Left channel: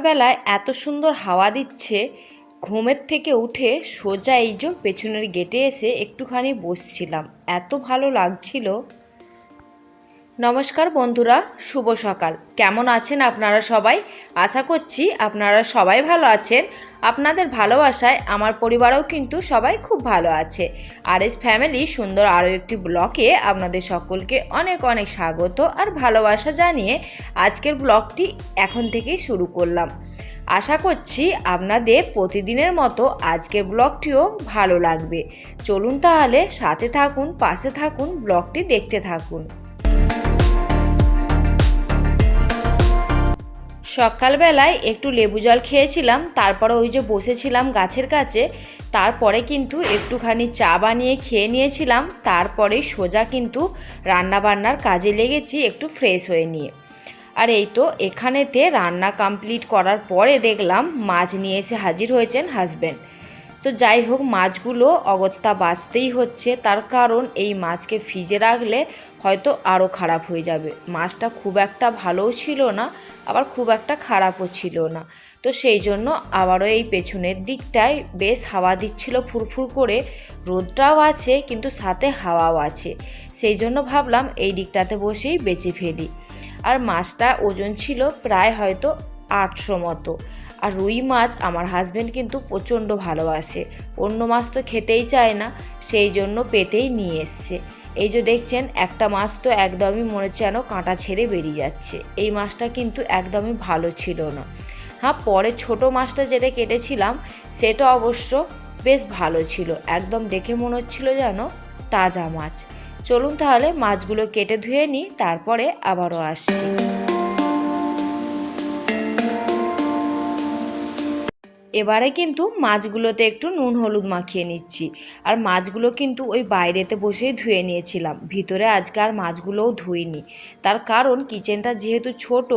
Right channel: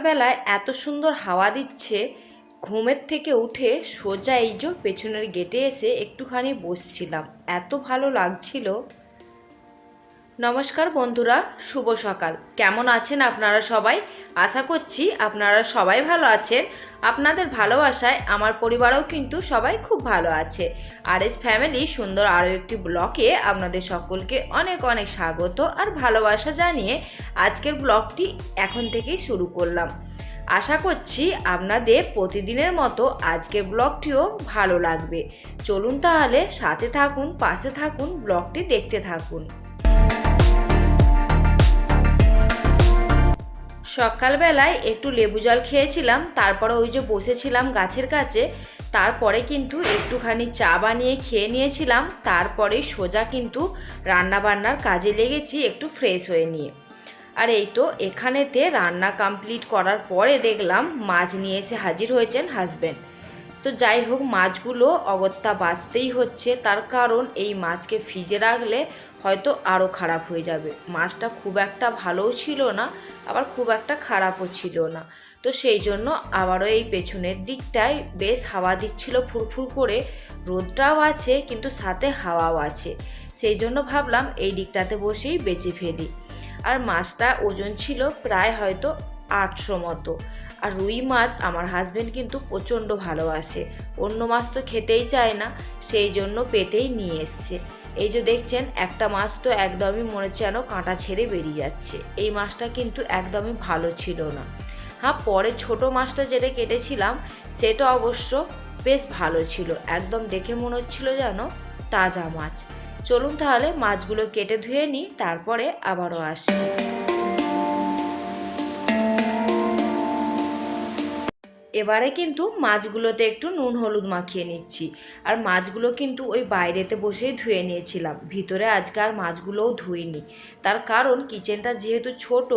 সকালবেলায় এত সুন্দর হাওয়া দিচ্ছে, ঘুমের থেকে উঠে সোজা এই যে পেছনের গেটে এসে একটুখানি বসছিলাম, এত ভালো লাগছিল। নমস্কার বন্ধুরা, শুভ সকাল। কেমন আছেন আপনারা সবাই? আশা করছি আপনারা সবাই ভালো আছেন। আপনাদের ভালোবাসায় আমার পরিবারও কিন্তু সবাই খুব ভালো আছে। আর এস ফ্যামিলি সুন্দর আরও একটি ব্লগে আপনাদের সকলকে অনেক অনেক স্বাগত আর ভালোবাসা জানিয়ে আজকের ব্লগটি এখন থেকেই শুরু করলাম। আশা করছি আপনাদের প্রতিদিনের মতো আজকের ব্লগটিও ভালো লাগবে। চলুন তাহলে সাথে থাকুন, পাশে থাকুন, ব্লগটি দেখতে থাকুন। সকালবেলায় একটু লেবু জল খেয়েছিলাম, তারপরে ওই যে বসেছিলাম গাছের কাছে, তারপরে কিন্তু একটুখানি চা বানিয়ে খেয়ে নিয়েছিলাম। তারপরেই সোজা কিন্তু রান্নাবান্নার কাজে লেগেছি একটু ফ্রেশ হয়ে নিয়ে। আর এই তো এখানেতে রান্না কমপ্লিট করার পরে দেখলাম মাছ নিয়ে এসে হাজির হয়েছেন হাজব্যান্ড। তো যাই হোক, মাছগুলো অগত্যা বাঁচতেই হচ্ছে, তার কারণ এই মাছকে ফ্রিজে রাখলে হয়তো আরও খারাপ হয়ে যাবে। মাছটা খুব একটা ভালোও ছিল না, আবার খুব একটা খারাপও ছিল না। তো সেই জন্য আবারও এই পেছনের দিকটায় বেশ হাওয়া দিচ্ছিল ফুরফুর করে, রোদটাও আছে কিন্তু সাথে হাওয়াও আছে। সেই জন্য ভাবলাম এই দিকটাতে বসেই বেঁচে ফেলি। আর মাছটা ওজন ছিল প্রায় হয়তো 800 মতো। আর রুই মাছ আমার হাজব্যান্ড কিন্তু প্রচণ্ড ভালোবাসে, অন্য মাছ তো খেতেই চায় না, সেই জন্য পেটেই নিয়ে এসছে। এই যে দেখছেন একটা মাছ তো একদমই মনে হচ্ছে যেন কাঁটা ছেড়ে বেরিয়ে যাচ্ছে। এই মাছটা কিন্তু একদমই ভালো ছিল না। হ্যাঁ, পরে ছোট মাছটা যেটা কেটেছিলাম সেটা অবশ্য বেশ ভালো ছিল, একদম দেখে মনে হচ্ছিল যেন তাজা মাছ। চলুন তাহলে মাছগুলো কেটে ধুয়ে নিই, তারপরে আবারও আসছি। এবারে কিন্তু মাছগুলোতে একটু নুন হলুদ মাখিয়ে নিচ্ছি। আর মাছগুলো কিন্তু ওই বাইরেতে বসেই ধুয়ে নিয়েছিলাম, ভিতরে আজকে আর মাছগুলোও ধুইনি। তার কারণ কিচেনটা যেহেতু ছোট,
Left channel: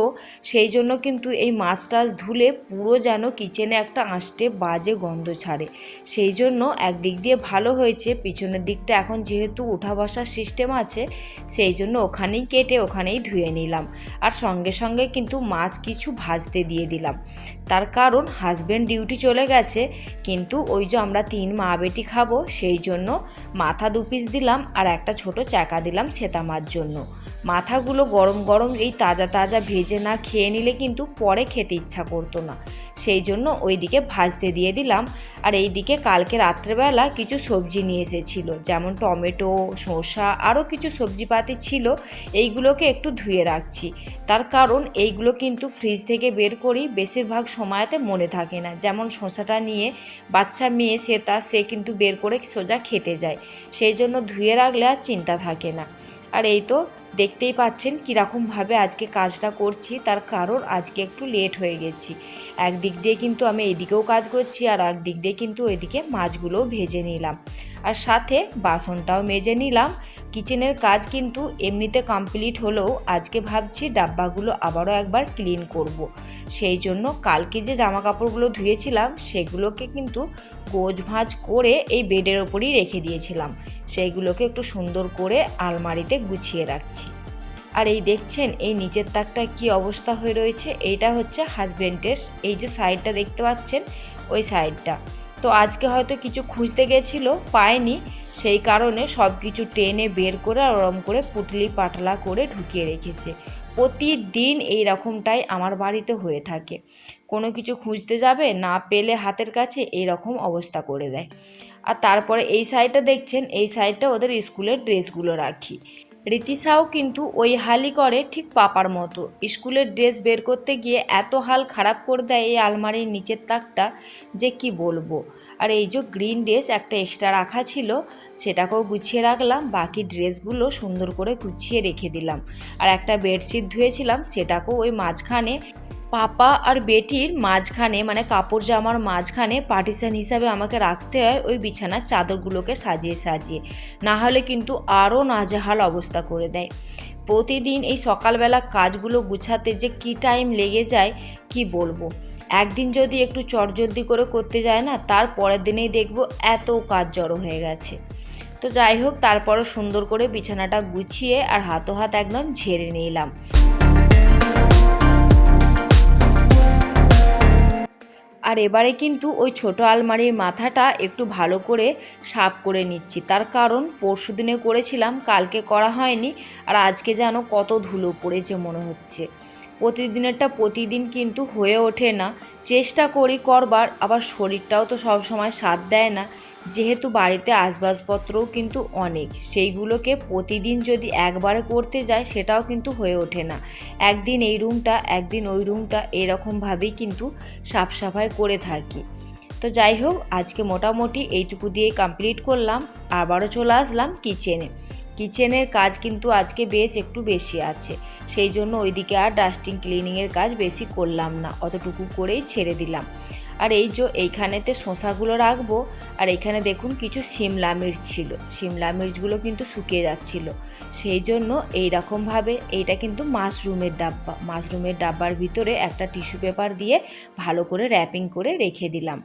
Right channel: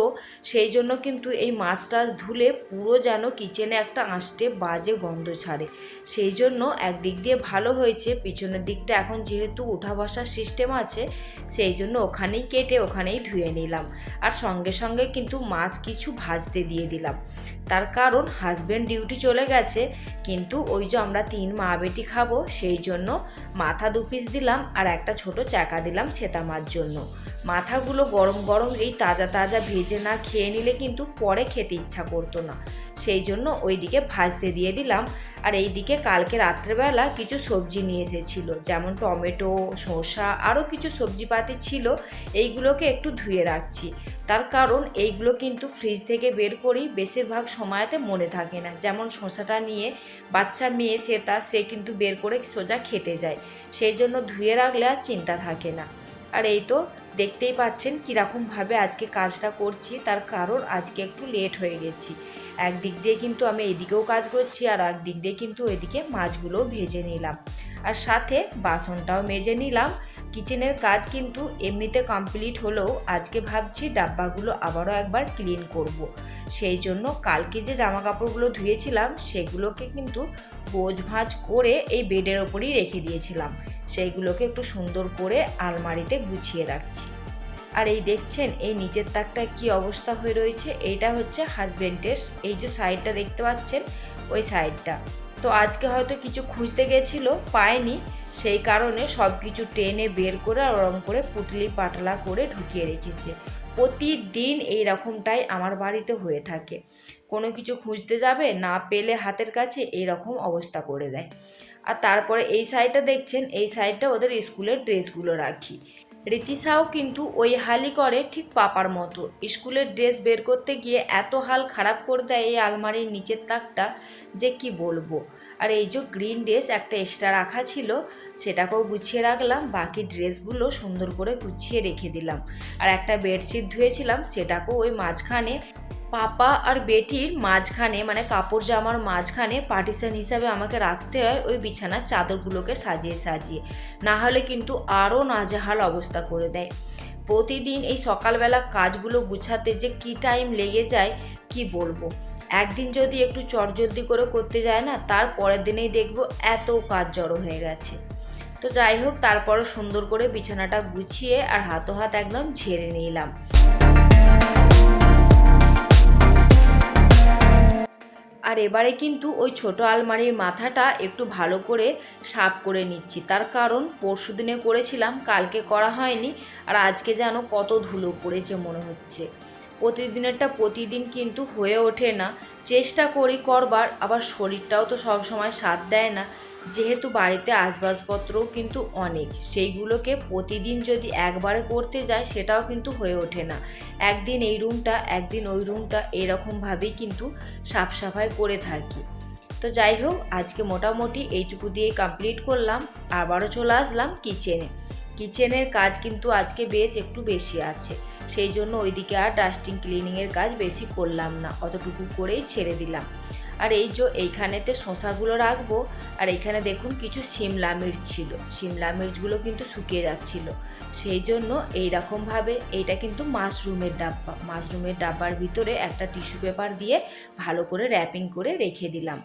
সেই জন্য কিন্তু এই মাছ টাছ ধুলে পুরো যেন কিচেনে একটা আঁশটে বাজে গন্ধ ছাড়ে। সেই জন্য একদিক দিয়ে ভালো হয়েছে, পিছনের দিকটা এখন যেহেতু উঠা বসার সিস্টেম আছে, সেই জন্য ওখানেই কেটে ওখানেই ধুয়ে নিলাম। আর সঙ্গে সঙ্গে কিন্তু মাছ কিছু ভাজতে দিয়ে দিলাম, তার কারণ হাজব্যান্ড ডিউটি চলে গেছে, কিন্তু ওই যে আমরা 3 মা বেটি খাবো, সেই জন্য মাথা 2 পিস দিলাম আর একটা ছোট চাকা দিলাম ছেতা মার জন্য। মাথাগুলো গরম গরম এই তাজা তাজা ভেজে না খেয়ে নিলে কিন্তু পরে খেতে ইচ্ছা করতো না, সেই জন্য ওইদিকে ভাজতে দিয়ে দিলাম। আর এইদিকে কালকে রাত্রেবেলা কিছু সবজি নিয়ে এসেছিলো, যেমন টমেটো, শসা, আরও কিছু সবজিপাতি ছিল, এইগুলোকে একটু ধুয়ে রাখছি। তার কারণ এইগুলো কিন্তু ফ্রিজ থেকে বের করি, বেশিরভাগ সময়তে মনে থাকে না। যেমন শসাটা নিয়ে বাচ্চা মেয়ে সে কিন্তু বের করে সোজা খেতে যায়, সেই জন্য ধুয়ে রাখলে আর চিন্তা থাকে না। আর এই তো দেখতেই পাচ্ছেন কীরকমভাবে আজকে কাজটা করছি, তার কারণ আজকে একটু লেট হয়ে গেছি। একদিক দিয়ে কিন্তু আমি এদিকেও কাজ করছি, আর একদিক দিয়ে কিন্তু এদিকে মাছগুলোও ভেজে নিলাম, আর সাথে বাসনটাও মেজে নিলাম। কিচেনের কাজ কিন্তু এমনিতে কমপ্লিট হলেও আজকে ভাবছি ডাব্বাগুলো আবারও একবার ক্লিন করব। সেই জন্য কালকে যে জামা কাপড়গুলো ধুয়েছিলাম সেগুলোকে কিন্তু গোছ ভাঁজ করে এই বেডের ওপরই রেখে দিয়েছিলাম, সেইগুলোকে একটু সুন্দর করে আলমারিতে গুছিয়ে রাখছি। আর এই দেখছেন এই নিচের তাকটা কি অবস্থা হয়ে রয়েছে, এইটা হচ্ছে হাজব্যান্ডের, এই যে সাইডটা দেখতে পাচ্ছেন ওই সাইডটা। তো আজকে হয়তো কিছু খুঁজতে গেছিলো, পায়নি, সেই কারণে সব কিছু টেনে বের করে আর ওরম করে পুটলি পাতলা করে ঢুকিয়ে রেখেছে। প্রতিদিন এই রকমটাই আমার বাড়িতে হয়ে থাকে, কোনো কিছু খুঁজতে যাবে না পেলে হাতের কাছে এই রকম অবস্থা করে দেয়। আর তারপরে এই সাইডটা দেখছেন, এই সাইডটা ওদের স্কুলের ড্রেসগুলো রাখি। রীতিশাও কিন্তু ওই হালই করে ঠিক পাপার মতো, স্কুলের ড্রেস বের করতে গিয়ে এত হাল খারাপ করে দেয় এই আলমারির নিচের তাকটা যে কি বলবো। আর এই যে গ্রিন ড্রেস একটা এক্সট্রা রাখা ছিল, সেটাকেও গুছিয়ে রাখলাম, বাকি ড্রেসগুলো সুন্দর করে গুছিয়ে রেখে দিলাম। আর একটা বেডশিট ধুয়েছিলাম, সেটাকেও ওই মাঝখানে পাপা আর বেটির মাঝখানে, মানে কাপড় জামার মাঝখানে পার্টিশন হিসাবে আমাকে রাখতে হয় ওই বিছানার চাদরগুলোকে সাজিয়ে সাজিয়ে, না হলে কিন্তু আরও নাজেহাল অবস্থা করে দেয়। প্রতিদিন এই সকালবেলা কাজগুলো গুছাতে যে কি টাইম লেগে যায় কি বলবো। একদিন যদি একটু চটজলদি করে করতে যায় না, তার পরের দিনেই দেখবো এত কাজ জড়ো হয়ে গেছে। তো যাই হোক, তারপরে সুন্দর করে বিছানাটা গুছিয়ে আর হাত একদম ঝেড়ে নিলাম। আর এবারে কিন্তু ওই ছোট আলমারির মাথাটা একটু ভালো করে সাফ করে নিচ্ছি, তার কারণ পরশু দিনে করেছিলাম, কালকে করা হয়নি। আর আজকে যেন কত ধুলো পড়েছে মনে হচ্ছে। প্রতিদিনেরটা প্রতিদিন কিন্তু হয়ে ওঠে না, চেষ্টা করি করবার, আবার শরীরটাও তো সব সময় সাথ দেয় না। যেহেতু বাড়িতে আসবাবপত্রও কিন্তু অনেক, সেইগুলোকে প্রতিদিন যদি একবারে করতে যায় সেটাও কিন্তু হয়ে ওঠে না। একদিন এই রুমটা একদিন ওই রুমটা এরকমভাবেই কিন্তু সাফ সাফাই করে থাকি। তো যাই হোক, আজকে মোটামুটি এইটুকু দিয়ে কমপ্লিট করলাম। আবারও চলে আসলাম কিচেনের কাজ কিন্তু আজকে বেশ একটু বেশি আছে, সেই জন্য ওইদিকে আর ডাস্টিং ক্লিনিংয়ের কাজ বেশি করলাম না, অতটুকু করেই ছেড়ে দিলাম। আর এই যে এইখানেতে শসাগুলো রাখবো, আর এইখানে দেখুন কিছু শিমলা মির্চ ছিল, শিমলা মির্চগুলো কিন্তু শুকিয়ে যাচ্ছিল, সেই জন্য এইরকমভাবে এইটা কিন্তু মাশরুমের ডাব্বার ভিতরে একটা টিস্যু পেপার দিয়ে ভালো করে র্যাপিং করে রেখে দিলাম।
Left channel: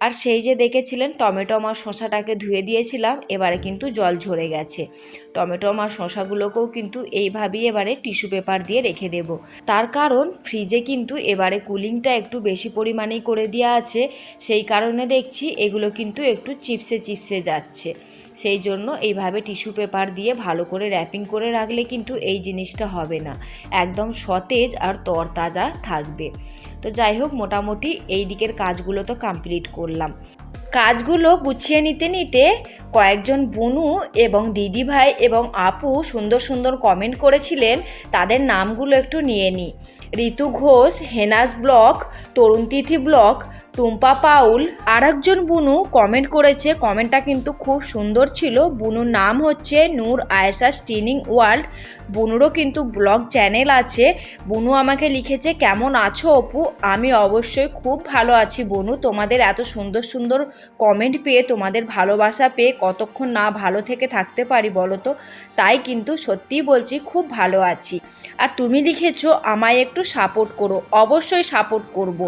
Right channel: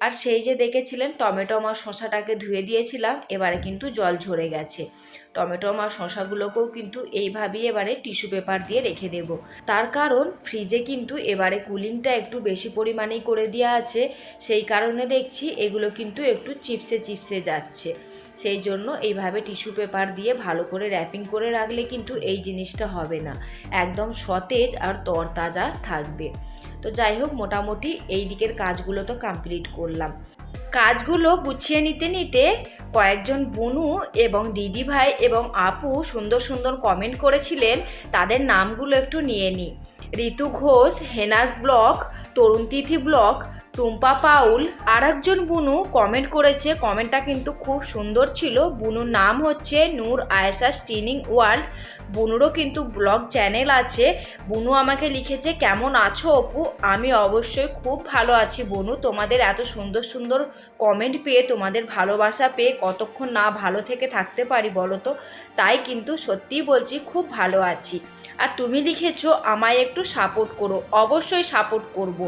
আর সেই যে দেখেছিলেন টমেটো আর শসাটাকে ধুয়ে দিয়েছিলাম, এবারে কিন্তু জল ঝরে গেছে। টমেটো আর শসাগুলোকেও কিন্তু এইভাবেই এবারে টিস্যু পেপার দিয়ে রেখে দেব, তার কারণ ফ্রিজে কিন্তু এবারে কুলিংটা একটু বেশি পরিমাণেই করে দেওয়া আছে, সেই কারণে দেখছি এগুলো কিন্তু একটু চিপসে যাচ্ছে। সেই জন্য এইভাবে টিস্যু পেপার দিয়ে ভালো করে র্যাপিং করে রাখলে কিন্তু এই জিনিসটা হবে না, একদম সতেজ আর তরতাজা থাকবে। তো যাই হোক, মোটামুটি এই দিকের কাজগুলো তো কমপ্লিট করলাম। কাজগুলো গুছিয়ে নিতে নিতে কয়েকজন বোনু এবং দিদি ভাই এবং আপু সুন্দর সুন্দর কমেন্ট করেছিলেন, তাদের নামগুলো একটু নিয়ে নিই। ঋতু ঘোষ, হেনাস ব্লগ, তরুণ তিথি ব্লগ, টুম্পা পাউল। আর একজন বুনু কমেন্ট করেছে, কমেন্টটা কিন্তু খুব সুন্দর ছিল। বুনুর নাম হচ্ছে নূর আয়েশা স্টিনিং ওয়ার্ল্ড। বুনুরও কিন্তু ব্লগ চ্যানেল আছে। বুনু আমাকে লিখেছে, কেমন আছো অপু? আমি অবশ্যই খুব ভালো আছি বুনু। তোমাদের এত সুন্দর সুন্দর কমেন্ট পেয়ে, তোমাদের ভালোবাসা পেয়ে কতক্ষণ না ভালো থেকে থাকতে পারি বলো তো। তাই কিন্তু সত্যিই বলছি, খুব ভালো আছি। আর তুমি লিখেছো আমায় একটু সাপোর্ট করো। অবশ্যই সাপোর্ট করব।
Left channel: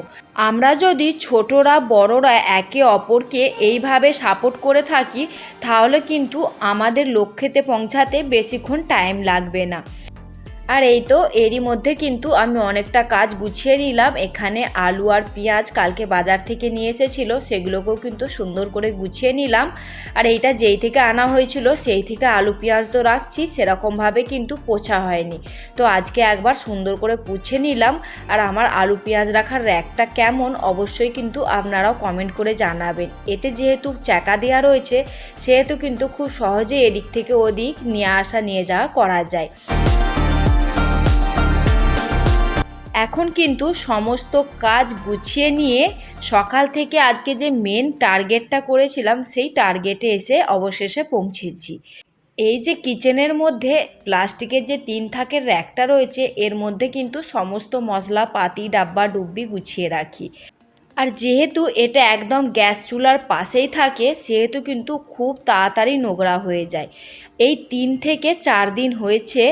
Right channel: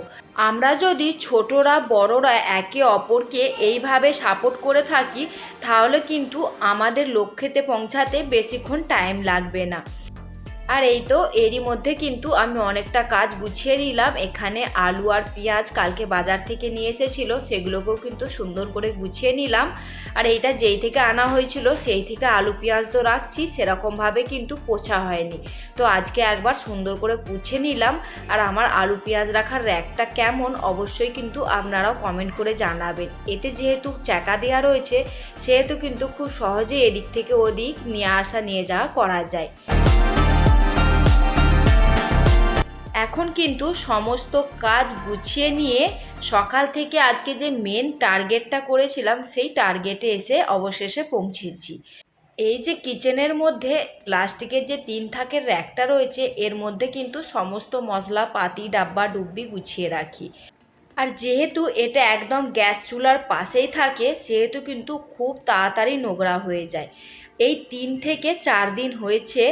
আমরা যদি ছোটরা বড়রা একে অপরকে এইভাবে সাপোর্ট করে থাকি, তাহলে কিন্তু আমাদের লক্ষ্যেতে পৌঁছাতে বেশিক্ষণ টাইম লাগবে না। আর এই তো এরই মধ্যে কিন্তু আমি অনেকটা কাজ গুছিয়ে নিলাম। এখানে আলু আর পেঁয়াজ কালকে বাজার থেকে নিয়ে এসেছিলো, সেগুলোকেও কিন্তু সুন্দর করে গুছিয়ে নিলাম। আর এইটা যেই থেকে আনা হয়েছিল সেই থেকে আলু পেঁয়াজ তো রাখছি, সেরকমভাবে কিন্তু পোছা হয়নি। তো আজকে একবার সুন্দর করে পুছে নিলাম। আর আমার আলু পেঁয়াজ রাখার র্যাকটা কেমন অবশ্যই কিন্তু আপনারাও কমেন্ট করে জানাবেন। এতে যেহেতু চাকা দেওয়া রয়েছে, সেহেতু কিন্তু খুব সহজে এদিক থেকে ওদিক নিয়ে আসা নিয়ে যাওয়া করা যায়। এখন কিন্তু সমস্ত কাজ গুছিয়ে নিয়ে সকাল থেকে আজকে যে মেন টার্গেটটা করেছিলাম, সেই টার্গেটে এসে অবশেষে পৌঁছেছি। এই যে কিচেনের মধ্যে প্লাস্টিকের যে 3 থাকের র্যাকটা রয়েছে, এর মধ্যে কিন্তু সমস্ত মশলাপাতি ডাব্বা ডুব্বি গুছিয়ে রাখি। আর যেহেতু এটা একদম গ্যাস চুলার পাশেই থাকে, সেহেতু কিন্তু খুব তাড়াতাড়ি নোংরা হয়ে যায়। এই 3 থেকে 4 দিন হয়েছে,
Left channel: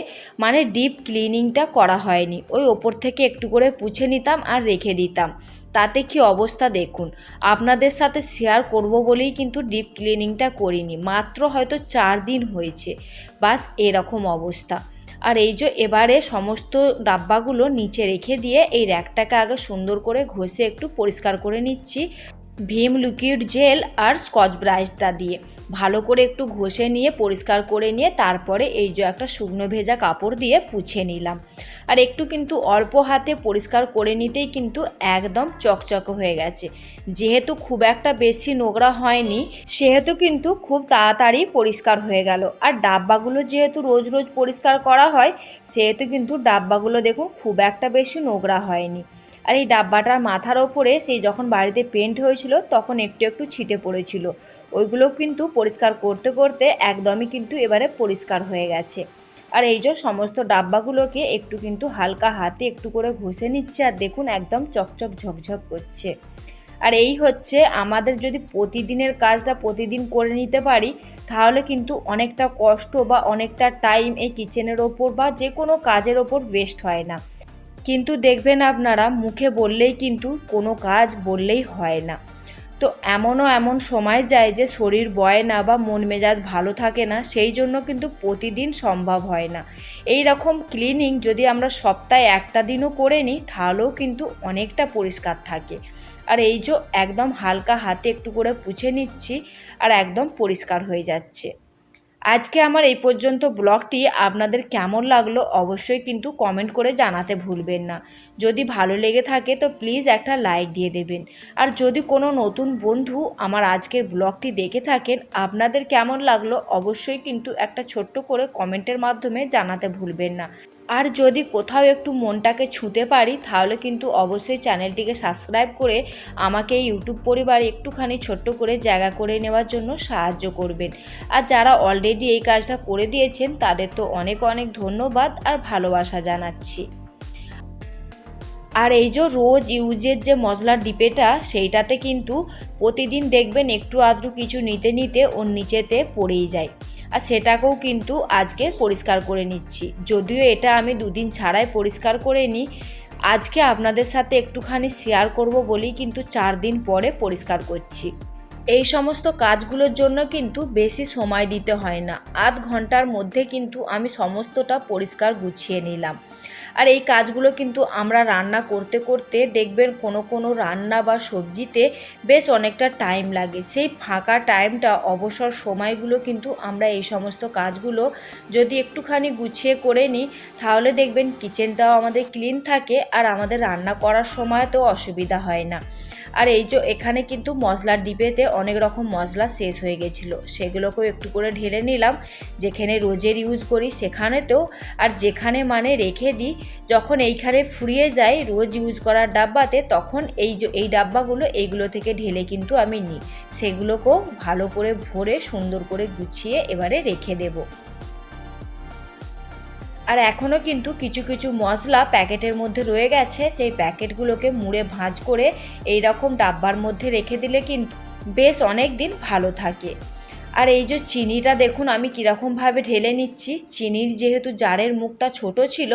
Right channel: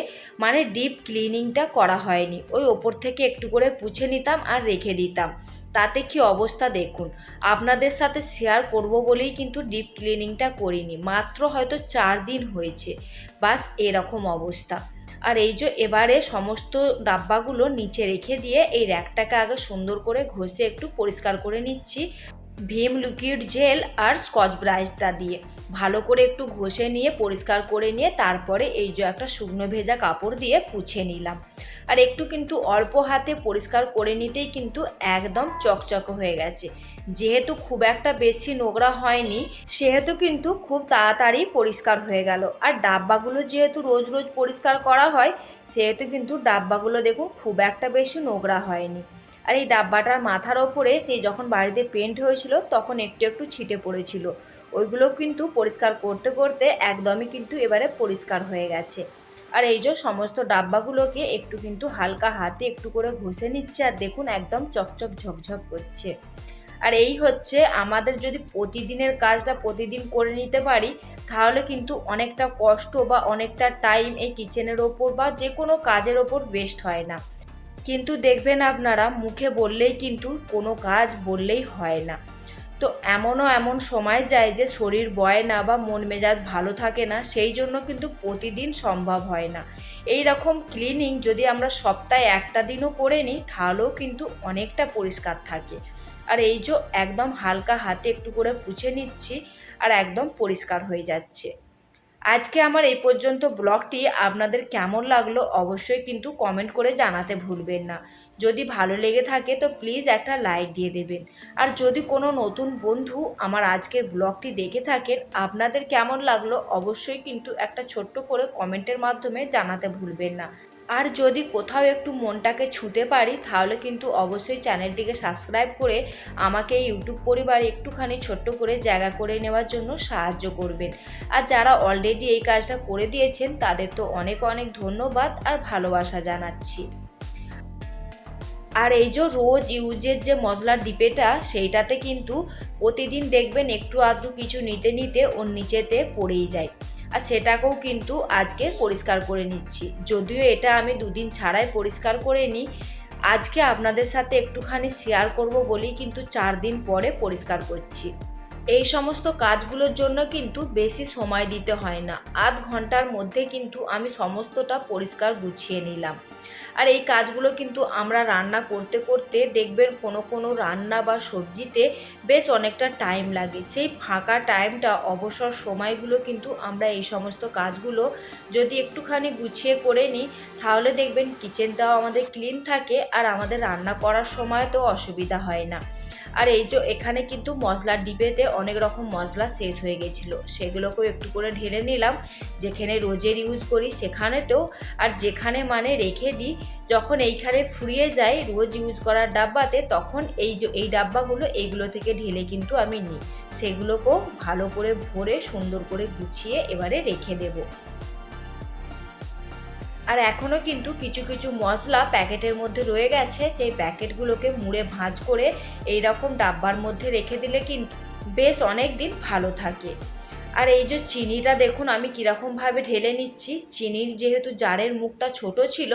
মানে ডিপ ক্লিনিংটা করা হয়নি। ওই ওপর থেকে একটু করে পুছে নিতাম আর রেখে দিতাম, তাতে কি অবস্থা দেখুন। আপনাদের সাথে শেয়ার করব বলেই কিন্তু ডিপ ক্লিনিংটা করিনি, মাত্র হয়তো 4 দিন হয়েছে, বাস এরকম অবস্থা। আর এই যে এবারে সমস্ত ডাব্বাগুলো নিচে রেখে দিয়ে এই র্যাকটাকে আগে সুন্দর করে ঘষে একটু পরিষ্কার করে নিচ্ছি। ভিম লিকুইড জেল আর স্কচ ব্রাইটটা দিয়ে ভালো করে একটু ঘষে নিয়ে পরিষ্কার করে নিয়ে তারপরে এই যে একটা শুকনো ভেজা কাপড় দিয়ে পুছে নিলাম। আর একটু কিন্তু অল্প হাতে পরিষ্কার করে নিতেই কিন্তু একদম চকচকে হয়ে গেছে। যেহেতু খুব একটা বেশি নোংরা হয়নি, সেহেতু কিন্তু খুব তাড়াতাড়ি পরিষ্কার হয়ে গেল। আর ডাব্বাগুলো যেহেতু রোজ রোজ পরিষ্কার করা হয়, সেহেতু কিন্তু ডাব্বাগুলো দেখুন খুব একটা বেশি নোংরা হয়নি। আর এই ডাব্বাটার মাথার ওপরে সেই যখন বাড়িতে পেন্ট হয়েছিল তখন একটু একটু ছিটে পড়েছিল, ওইগুলো কিন্তু পরিষ্কার করতে করতে একদমই কিন্তু এবারে পরিষ্কার হয়ে গেছে। আর এই যে সমস্ত ডাব্বাগুলোকে একটু কিন্তু হালকা হাতে একটু করে ঘষে নিচ্ছে, আর দেখুন একদম চকচক ঝকঝক করছে। আর এই হচ্ছে আমাদের, যদি প্রতিদিনের কাজটা প্রতিদিন করে নিতে পারি, তাহলে কিন্তু অনেকটা কষ্ট বা অনেকটা টাইম এই কিচেনের ওপর বা যে কোনো কাজের ওপর ওয়েস্ট হয় না। কিন্তু দেখবেন আপনারা, মুখে বললেই কিন্তু কোনো কাজ বললেই হয় না। তো এমন সময় যায় যে শরীর বয় না বা মন মেজাজ ভালো থাকে না, সেই জন্য কিন্তু প্রতিদিন সম্ভব হয় না। এই রকম ক্লিনিং যদি আমরা সপ্তাহে একটা দিনও করে নিই, তাহলেও কিন্তু অনেকটা পরিষ্কার থাকে। আর এই যে একদম হালকা হাতে একটু করে পুছে নিচ্ছি আর একদম পরিষ্কার হয়ে যাচ্ছে। আজকে আমার এই পর্যন্ত ব্লগটি আপনাদের কেমন লাগলো অবশ্যই কিন্তু কমেন্ট করে জানাতে ভুলবেন না। যদি ভালো লেগে থাকে তো প্লিজ একটা লাইক দিয়ে দেবেন। আর যদি কোনো নতুন বন্ধু আমার আজকের ব্লগটি দেখে থাকেন, আপনাদের কেমন লাগলো অবশ্যই কিন্তু একটা ছোট্ট করে কমেন্টের মাধ্যমে জানাতে ভুলবেন না। আর যদি কোথাও একটু মনটাকে ছুঁতে পারি তাহলে কিন্তু অবশ্যই চ্যানেলটিকে সাবস্ক্রাইব করে আমাকে ইউটিউব পরিবারে একটুখানি ছোট্ট করে জায়গা করে নেওয়ার জন্য সাহায্য করবেন। আর যারা অলরেডি এই কাজটা করে দিয়েছেন তাদের তো অনেক অনেক ধন্যবাদ আর ভালোবাসা জানাচ্ছি। আর এই যে রোজ ইউজের যে মশলার ডিপেটা সেইটাতে কিন্তু প্রতিদিন দেখবেন একটু আধটু কিছু নিতে নিতে ওর নিচেতে পড়েই যায়। আর সেটাকেও কিন্তু আজকে পরিষ্কার করে নিচ্ছি, যদিও এটা আমি দুদিন ছাড়াই পরিষ্কার করে নিই। আজকে আপনাদের সাথে একটুখানি শেয়ার করব বলেই কিন্তু 4 দিন পরে পরিষ্কার করছি। এই সমস্ত কাজগুলোর জন্য কিন্তু বেশি সময় দিতে হয় না, আধ ঘন্টার মধ্যে কিন্তু আমি সমস্তটা পরিষ্কার গুছিয়ে নিলাম। আর এই কাজগুলো কিন্তু আমরা রান্না করতে করতে দেখবেন কোনো কোনো রান্না বা সবজিতে বেশ অনেকটা টাইম লাগে। সেই ফাঁকা টাইমটা, অবসর সময়গুলো কিন্তু আমরা এই সমস্ত কাজগুলো যদি একটুখানি গুছিয়ে করে নিই তাহলে দেখবেন কিচেনটাও আমাদের ক্লিন থাকে আর আমাদের রান্না করার সময় তো অসুবিধা হয় না। আর এই যে এখানে কিন্তু মশলার ডিবেতে অনেক রকম মশলা শেষ হয়ে গেছিলো, সেগুলোকেও একটু করে ঢেলে নিলাম। যেখানে রোজের ইউজ করি সেখানেতেও, আর যেখানে মানে রেখে দিই যখন এইখানে ফুরিয়ে যায় রোজ ইউজ করার ডাব্বাতে, তখন এই ডাব্বাগুলো এইগুলো থেকে ঢেলে কিন্তু আমি নিই। সেগুলোকেও ভালো করে ভরে সুন্দর করে গুছিয়ে এবারে রেখে দেবো। আর এখনও কিন্তু কিছু কিছু মশলা প্যাকেটের মধ্যে রয়ে গেছে, সেই প্যাকেটগুলোকে মুড়ে ভাঁজ করে এই রকম ডাব্বার মধ্যে রেখে দিলে কিন্তু বেশ অনেক দিন ভালো থাকে। আর এই যে চিনিটা দেখুন আমি কীরকমভাবে ঢেলে নিচ্ছি। চিনির যেহেতু জারের মুখটা ছোট ছিল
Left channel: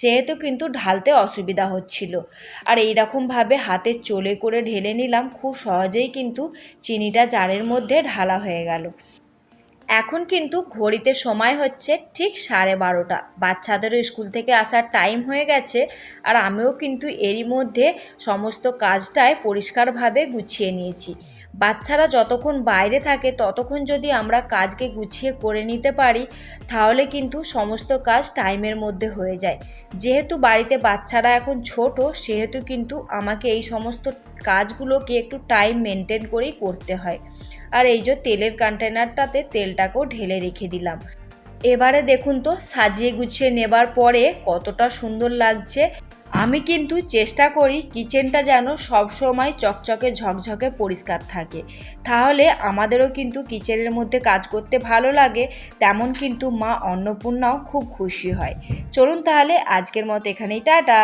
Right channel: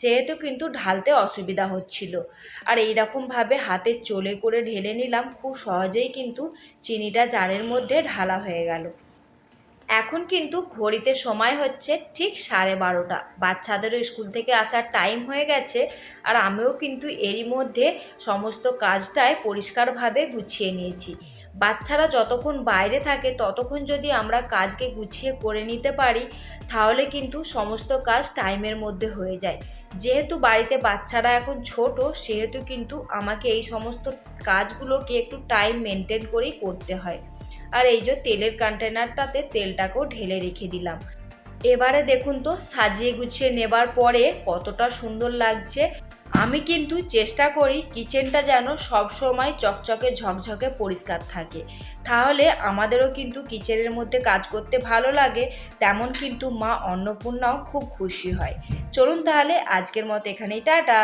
সেহেতু কিন্তু ঢালতে অসুবিধা হচ্ছিল। আর এই রকমভাবে হাতে চলে করে ঢেলে নিলাম, খুব সহজেই কিন্তু চিনিটা জারের মধ্যে ঢালা হয়ে গেল। এখন কিন্তু ঘড়িতে সময় হচ্ছে ঠিক 12:30। বাচ্চাদেরও স্কুল থেকে আসার টাইম হয়ে গেছে। আর আমিও কিন্তু এরই মধ্যে সমস্ত কাজটায় পরিষ্কারভাবে গুছিয়ে নিয়েছি। বাচ্চারা যতক্ষণ বাইরে থাকে ততক্ষণ যদি আমরা কাজকে গুছিয়ে করে নিতে পারি তাহলে কিন্তু সমস্ত কাজ টাইমের মধ্যে হয়ে যায়। যেহেতু বাড়িতে বাচ্চারা এখন ছোট সেহেতু কিন্তু আমাকে এই সমস্ত কাজগুলোকে একটু টাইম মেনটেন করেই করতে হয়। আর এই যে তেলের কন্টেনারটাতে তেলটাকেও ঢেলে রেখে দিলাম। এবারে দেখুন তো সাজিয়ে গুছিয়ে নেবার পরে কতটা সুন্দর লাগছে। আমি কিন্তু চেষ্টা করি কিচেনটা যেন সবসময় চকচকে ঝকঝকে পরিষ্কার থাকে, তাহলে আমাদেরও কিন্তু কিচেনের মধ্যে কাজ করতে ভালো লাগে। তেমন কিন্তু মা অন্নপূর্ণাও খুব খুশি হয়। চলুন তাহলে আজকের মতো এখানেই, টাটা।